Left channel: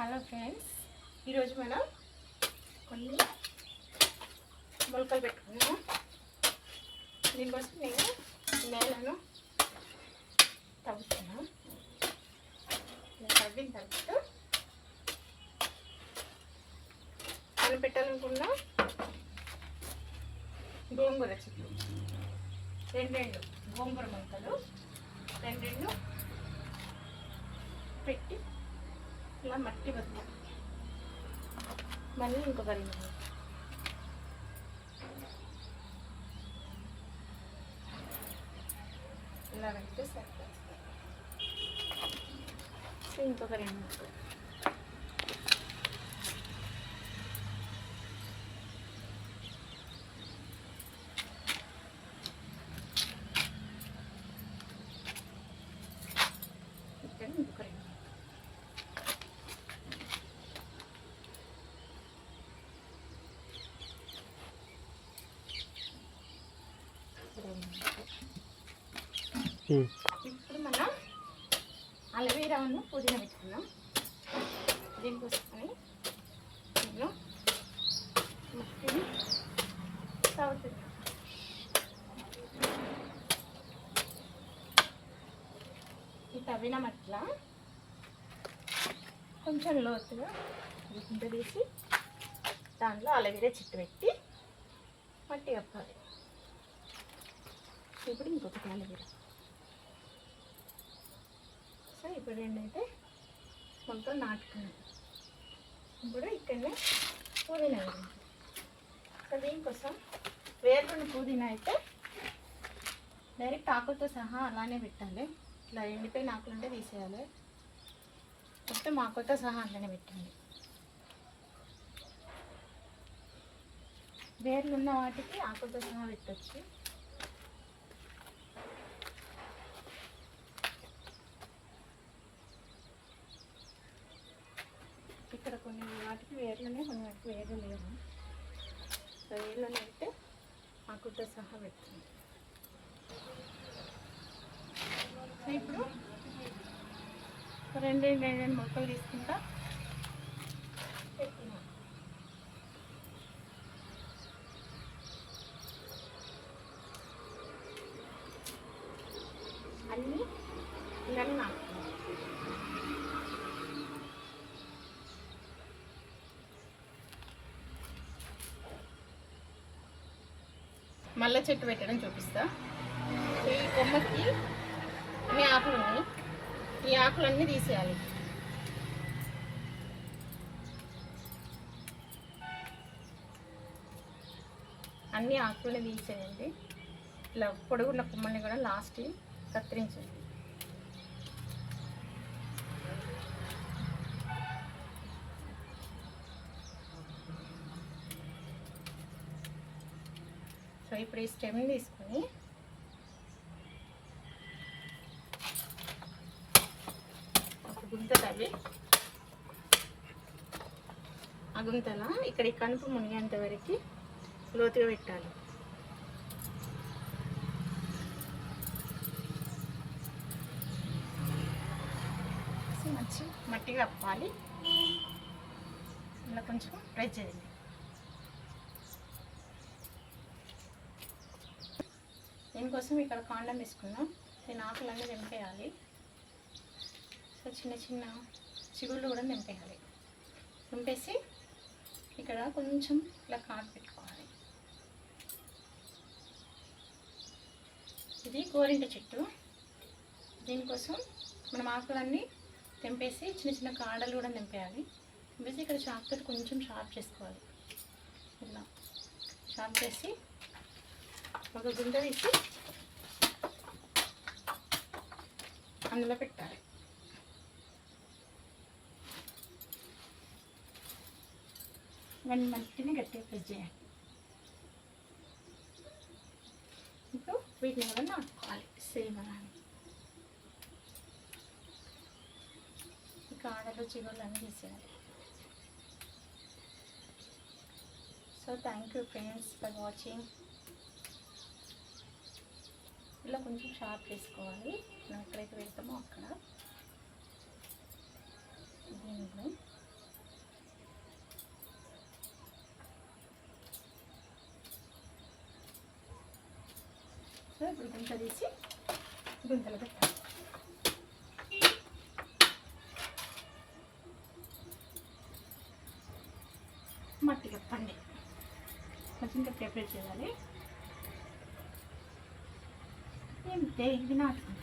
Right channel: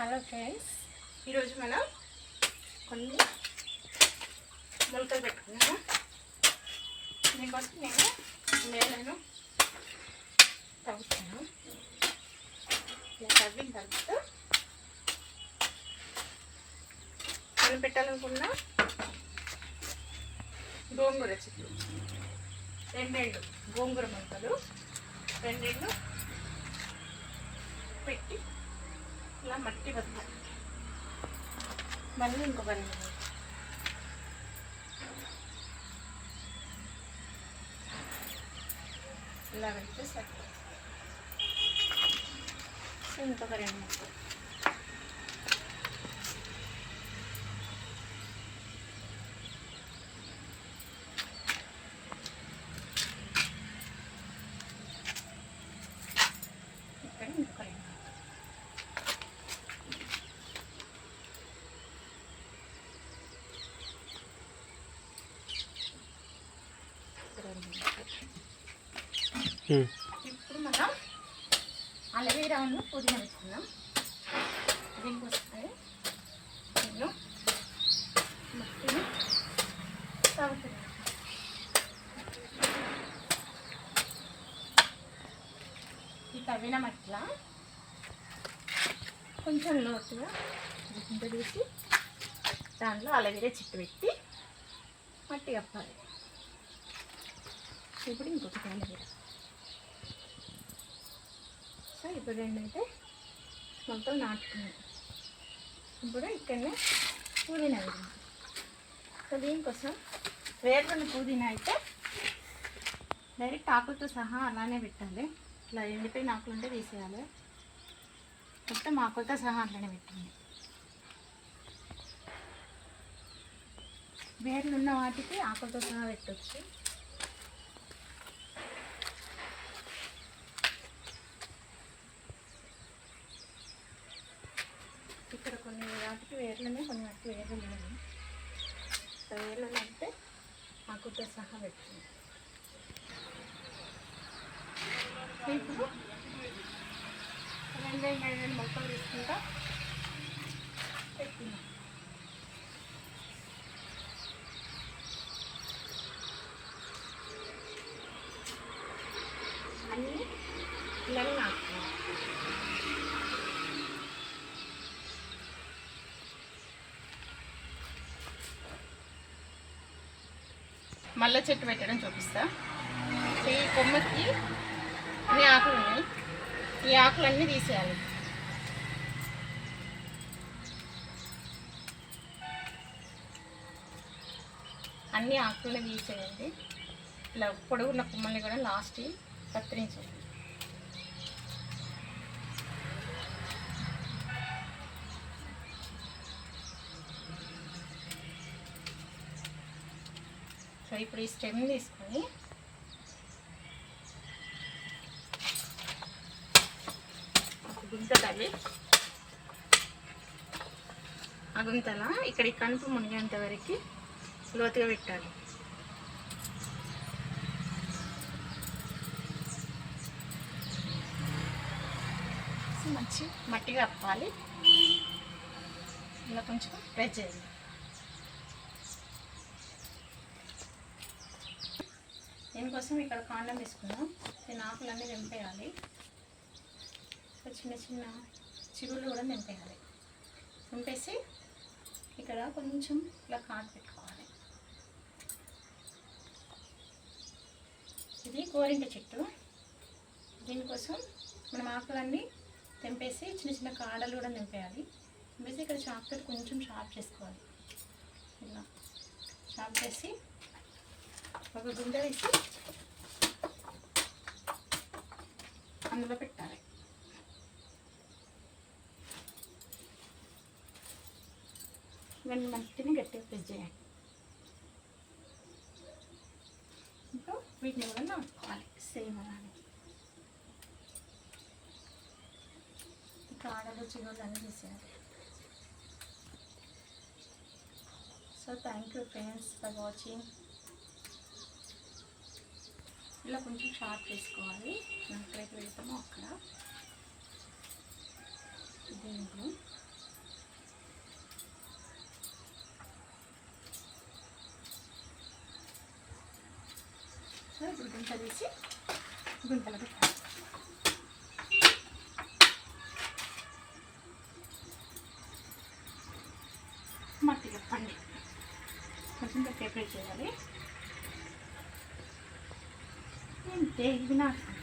Hello friends, ఈరోజు మనం కొన్ని మొలకలు పెట్టుకున్నాము. దీనికోసం నేను నేలను తవ్వుతున్నాను. ఇలా తవ్విన తర్వాత మనం పెట్టాలనుకున్న గోంగూర చెట్లు రెండు గోంగూర మొలకలు రెండు పెట్టి ఇలా మట్టి వద్దాలి. మళ్ళీ ఇంకొక రెండు ఇలా పెడితే సరిపోతుంది. ఇంకొక రెండు మొక్కలు ఇక్కడ ఇంకొక రెండు ఇప్పుడు మనం అలోవేరాను పుదీనా పెట్టుకుందాం. దీనికోసమే నేను మట్టిని తవ్వుతున్నాను. ఈ తవ్విన మట్టిలో కొంచెం లోతుగా గుంట తీసి దాంట్లో అలోవేరా చెట్టు పెట్టి మట్టి కప్పాలి. ఇప్పుడు ఇంకొకటి అలోవేరా. సో ఇప్పుడు రెండైతే మొలకలు నాటుకున్నాయి. ఇప్పుడు ఇక్కడనే పుదీనా వేయాలి. సో దీనికోసం వేరుకున్న పుదీనా అయితే డైరెక్ట్ ఆకులతో సహా అలానే పెట్టాలి. ఇట్లా ఎండిపోయిన ఆకులు ఉంటే తీసేయాలి. మొత్తం ఆకులతో సహా అట్లానే పెట్టండి. వేర్లు ఉన్న వాటికి ఆకులతో సహా పెట్టవచ్చు. ఇక్కడ కొన్ని వాటికి వేర్లనే, కొన్ని వాటికి వేర్లు లేవు. వేర్లను అయితే ఆకులతో సహా పెట్టండి. ఇప్పుడు రెండు మొక్కలు తీసుకుంటా పెట్టుకున్నాం. అన్నీ పిల్లలు నాటుకున్నాం. మల్లె చెట్టు పెట్టడం చూపిస్తా. ఈ కొమ్మకి అన్ని ఆకులు ఉన్నాయి. ఈ ఆకులన్నీ తీసేయాలి. అన్ని ఆకులు తీసేయండి. ఇలా పొడుగున్న కొమ్మల్ని కూడా లాస్ట్ కత్తిరించండి. సో ఇప్పుడు ఈ స్టెమ్ తీసుకొని ఒక గుంత తవ్వి ఆ గుంతల ఇక్కడ ఈ కనుపు మునిగేంత వరకు లోతుగా పెట్టాలి. సో మంచి మట్టిగా కప్పాలి. ఇలా కొంచెం ప్రెస్ చేయాలి. దీనికోసం ఇక్కడ కాండం తీసుకున్నాం. దీని ఆకులన్నీ నింపేయాలి. సో చిన్న చిన్న చిగుళ్ళు కూడా నింపేయాలి. నింపేసి ఇక్కడ కొంచెం ఇలా కాటు పెట్టుకోవాలి. ఇది గోరింట చెట్టు. దీనికోసం మనం ఆకులన్నీ తెంపేసి చిన్న చిన్న కాడలు కూడా నింపేయాలి. నింపేసి ఇక్కడ చాకుతో కొంచెం షార్ప్ చేసుకోవాలి. ఇలా షార్ప్ చేసి ఒక గుంట తీసి అందులో పెట్టాలి. మట్టిని గట్టిగా ప్రెస్ చేయాలి. ఇంకా వీటిని కూడా నాటుకోవాలి. సేమ్ అలానే కాడలు చిగుళ్ళు అన్నీ తీసేయాలి. So thank you friends for watching. ఇలా కొంచెం షార్ప్ చేసుకోవాలి. ఎక్కడైతే పెడతామో అక్కడ దీన్ని ఇప్పుడు గుంత తీసి గుంతలో పెట్టాలి. మట్టి కప్పండి, కొంచెం ప్రిపేర్ చేయాలి. ఇంతే, ఇది నాటుకుంటాం.